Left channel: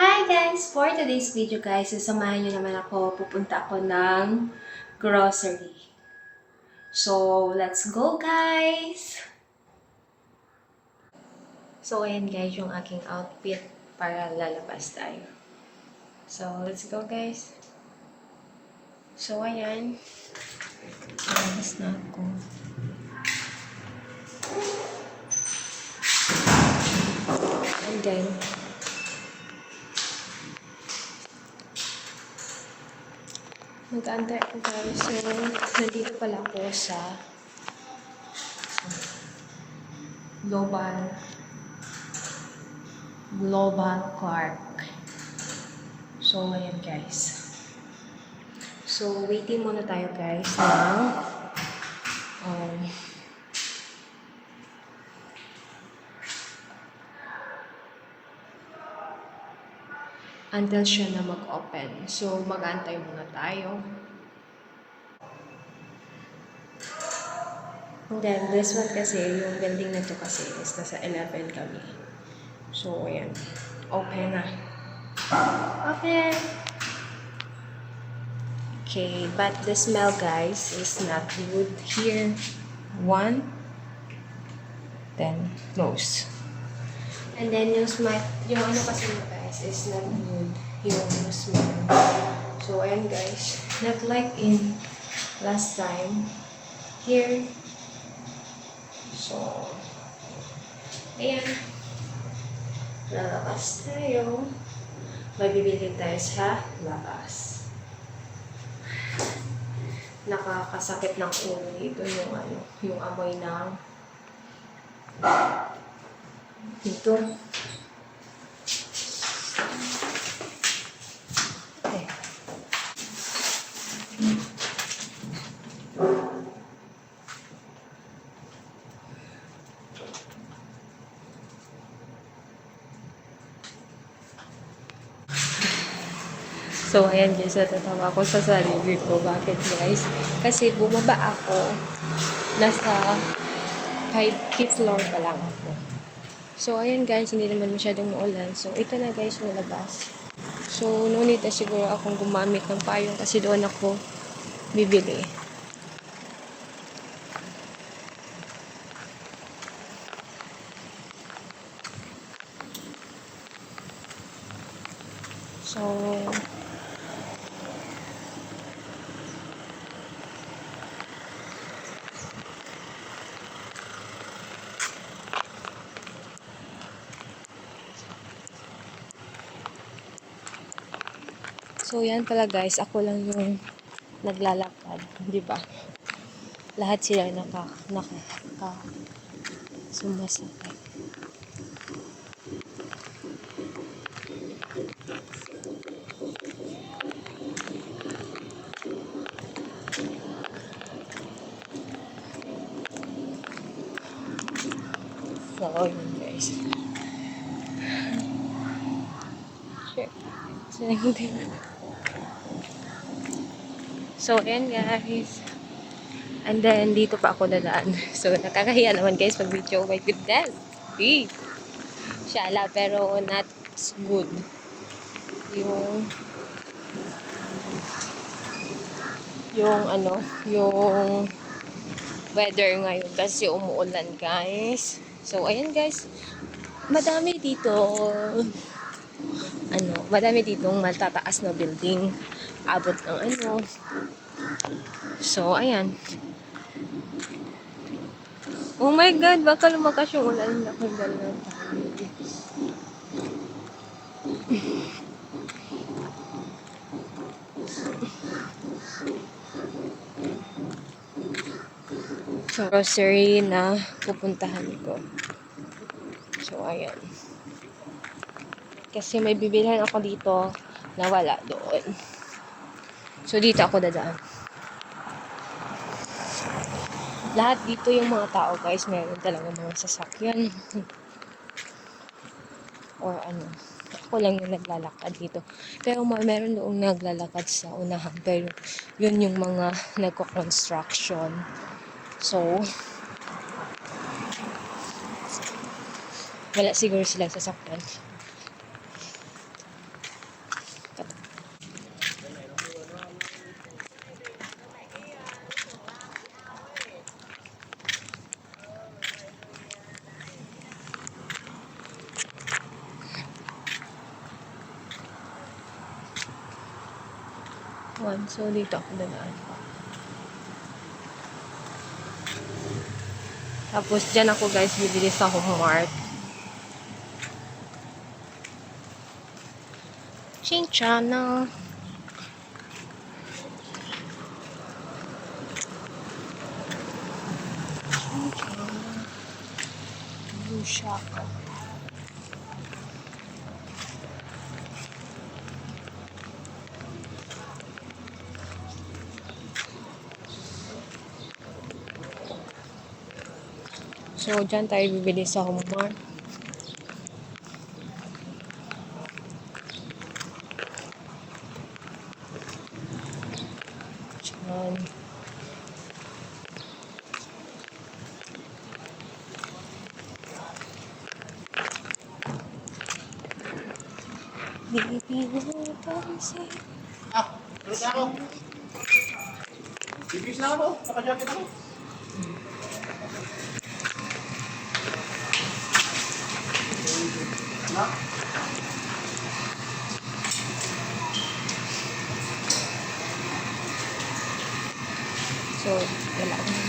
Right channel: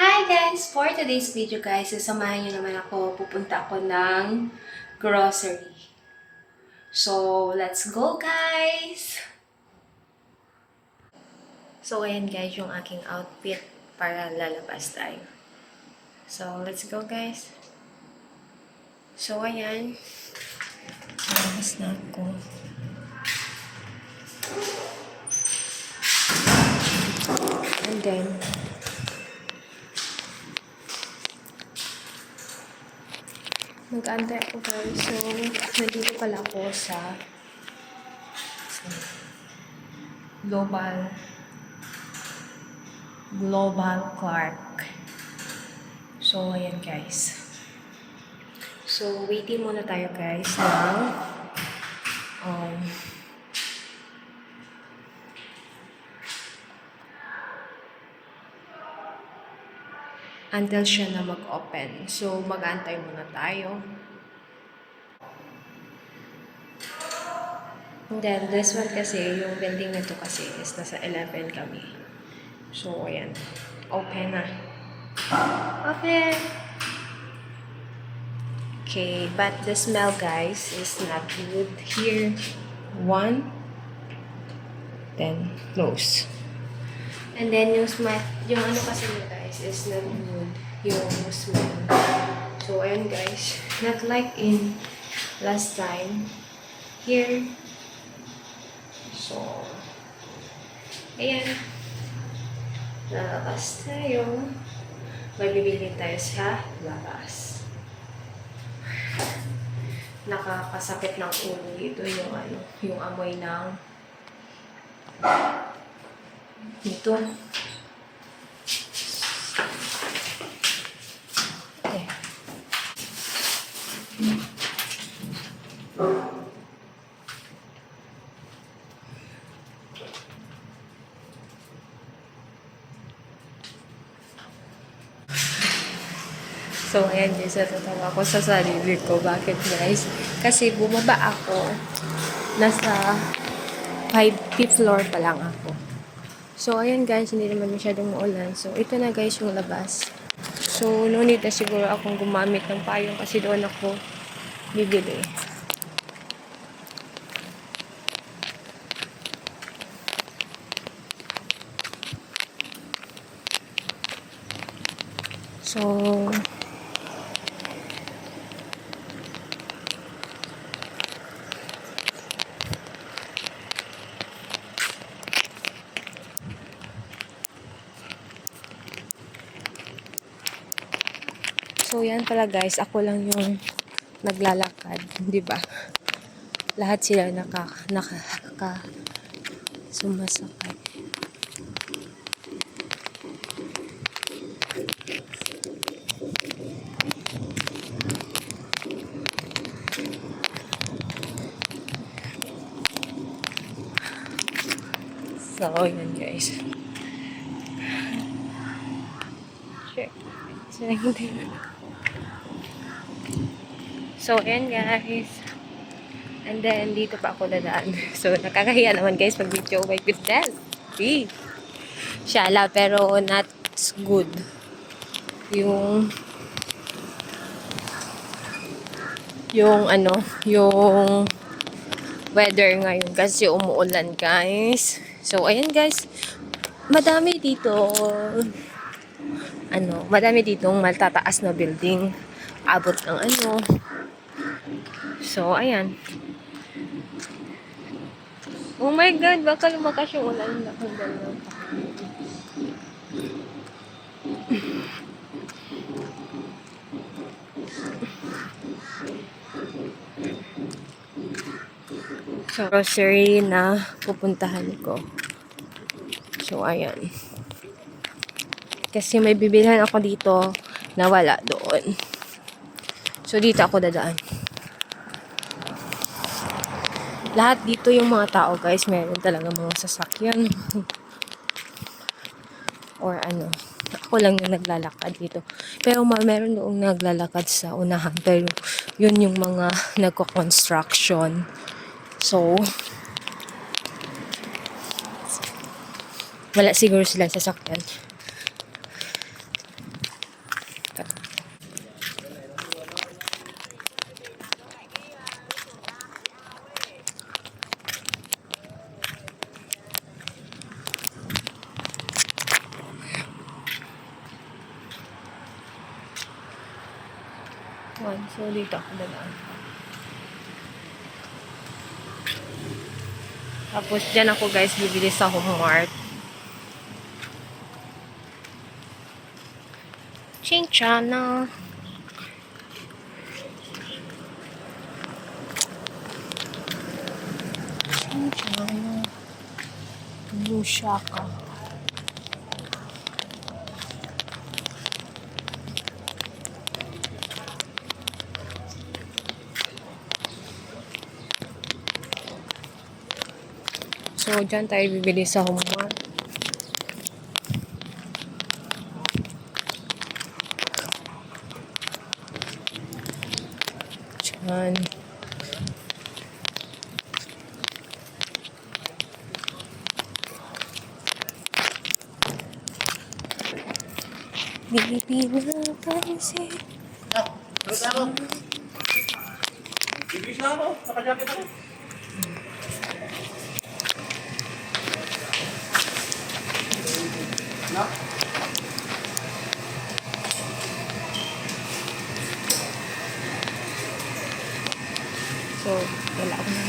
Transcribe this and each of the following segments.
Hi guys! For today's video guys, sasamahan niyo naman ako. Pupunta ako ng grocery. So, let's go guys! So, ayan guys yung aking outfit para lalabas tayo. So, let's go guys! So, ayan. Lalabas na ako. And then, mag-aantay ako guys. So, nandito pala ako sa Global Clark. So, ayan guys. So, waiting muna tayo guys ng um, until siya na mag-open. So, mag-aantay muna tayo. And then, this one kasi, yung building na to kasi is nasa 11 kami. So, ayan. Open na. Open! Okay, but the smell, guys, is not good. Here, 1, then close. And then, yung smell, yung ano kasi mo, guys, is not good. Yung smell. So, ayan, guys. Not like in last time. Here, so, ayan. Lalabas tayo. May bibili tayo sa labas. Nakakasakit ng ulo dito yung ano, yung amoy ng dito. Okay. So, ayan guys, natatawa ako sa sarili ko. Bakit guys? Kasi bumaba ako. Nasa 5th floor pa lang ako. So, ayan guys, hindi naman masyadong maulan. So, ito na guys yung labas. So, no need na siguro akong gumamit ng payong kasi doon ako bibili. So, yan pala guys, ako lang yung naglalakad, di ba? Lahat sila sumasakay. So, yun guys. Check. So, ayan guys. And then, dito pa ako dadaan. So, nakakahiya naman guys pag video. Oh my goodness. See? Shala, pero not good. Yung weather ngayon kasi umuulan guys. So, ayan guys. Madami ditong matataas na building. Abot ng ano. So, ayan. Oh my God, baka lumakas yung ulan na kung gano'n. So, grocery na pupuntahan ko. So, ayan. Kasi may bibilhan ako dito na wala doon. So, dito ako dadaan. Lahat dito yung mga tao, guys, meron talaga mga sasakyan. Or ano. Ako lang yung naglalakad dito. Pero meron doong naglalakad sa unahan. Pero yun yung mga nagko-construction. So, wala siguro sila sasakyan. One. So, dito ako dadaan. Tapos, dyan ako guys, bibili sa Homemart. Chinchana. Chinchana. Bushaka. So, dyan tayo bibili sa Homemart. Dyan. Pilipina pansin. Ah, terus ako. Bibis na ako. Naka-jacket ako. Na? So, wala ako na.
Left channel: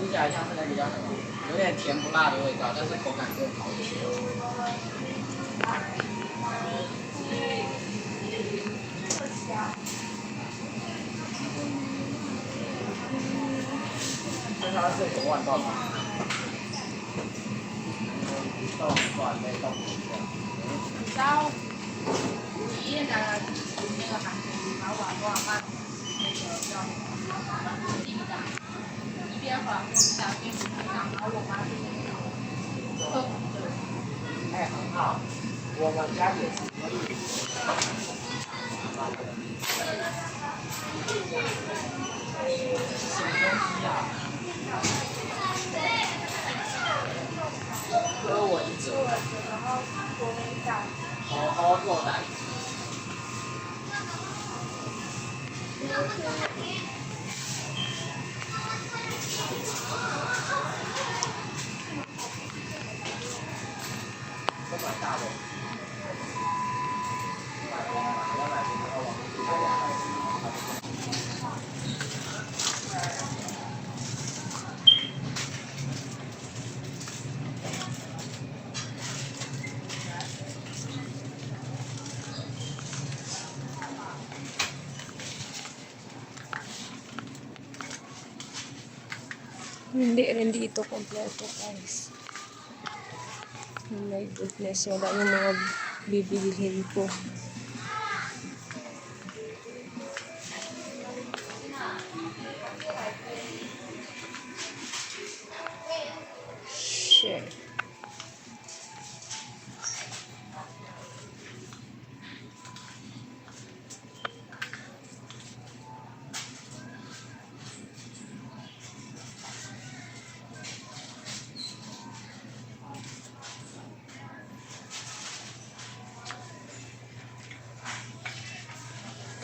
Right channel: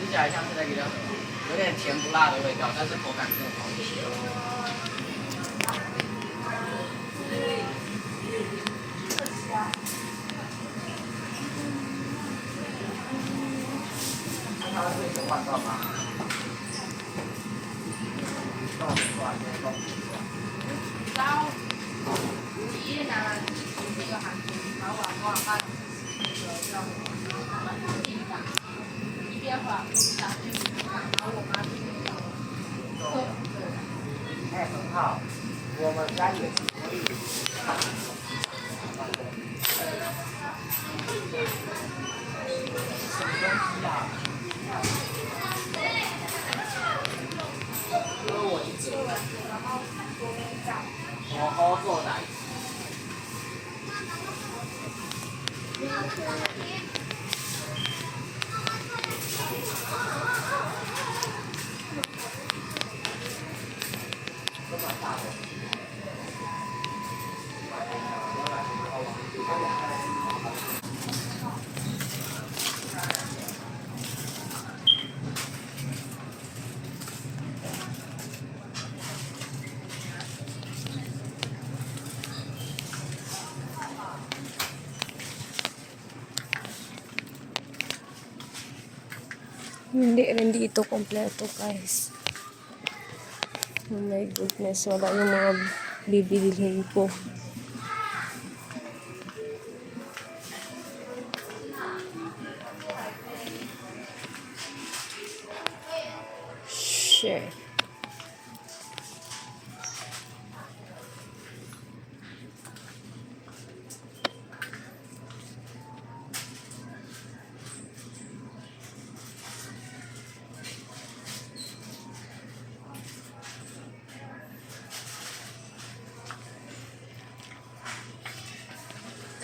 吃起来像是那个有点甜不辣的味道，但是口感更好一些。这它是9万段吗？豆段没豆段。哎，很好，我们家也是可以。什么东西啊？哥，我一折。好好做的。这么大的。Hindi rin dito kompleto guys. Oh my goodness, wala yung mga bibilihin ko. Shit.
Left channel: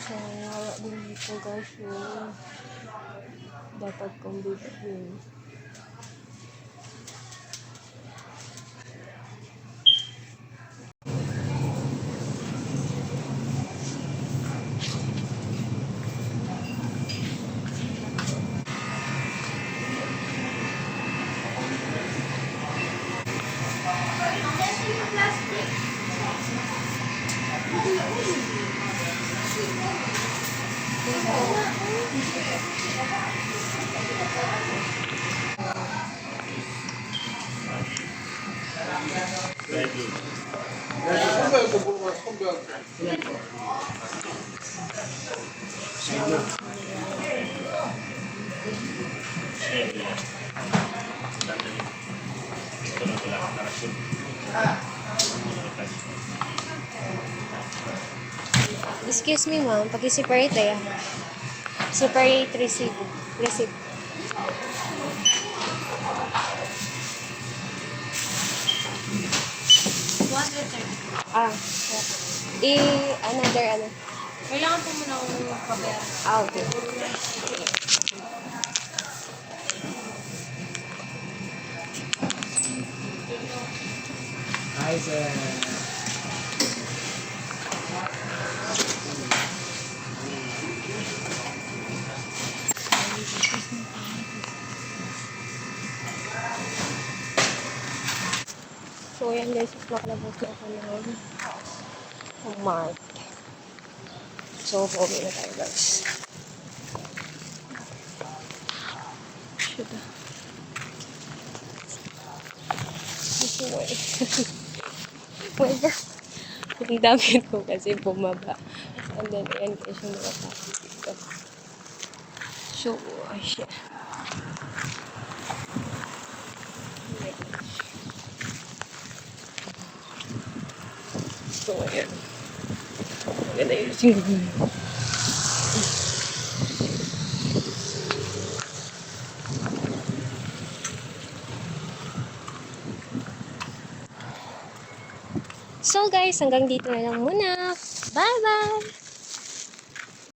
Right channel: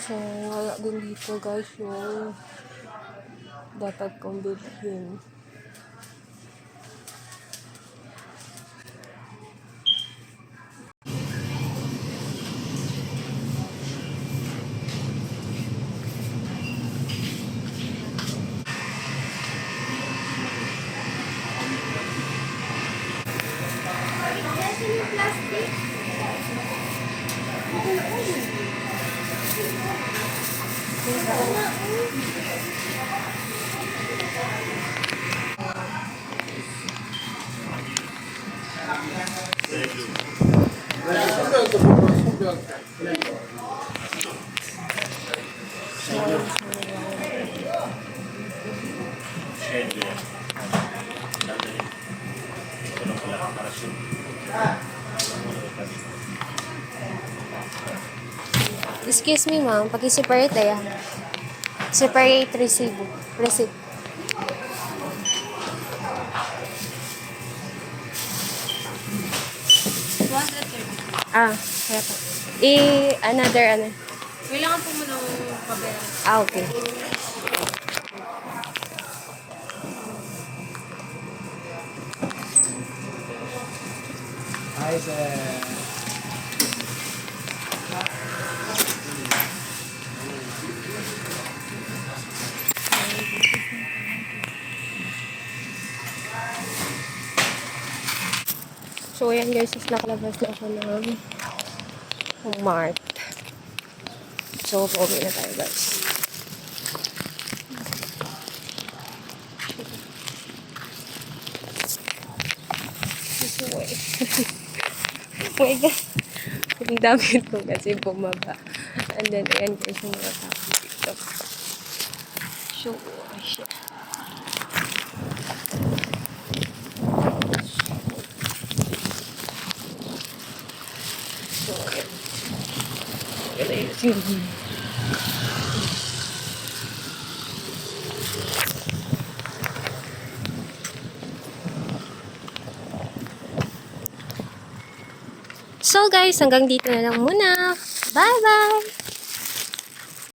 So, wala din dito guys yung dapat kong bibilhin. Excuse me, ma'am. Paki-separate ya. Separate receipt. Receipt. Ah, another, ano. Kailangan po muna ng pabayaran. Ah, okay. Hi, sir. So, ayan guys, is nakalabas na siya ng Mart. So, pauwi na tayo guys. This way. Wait ka. Yung damit ko kasi bumaba. And then, ayan guys, yung mga tao dito. So, shit. So, ayan. Wala yung So guys, hanggang dito na lang muna. Bye-bye!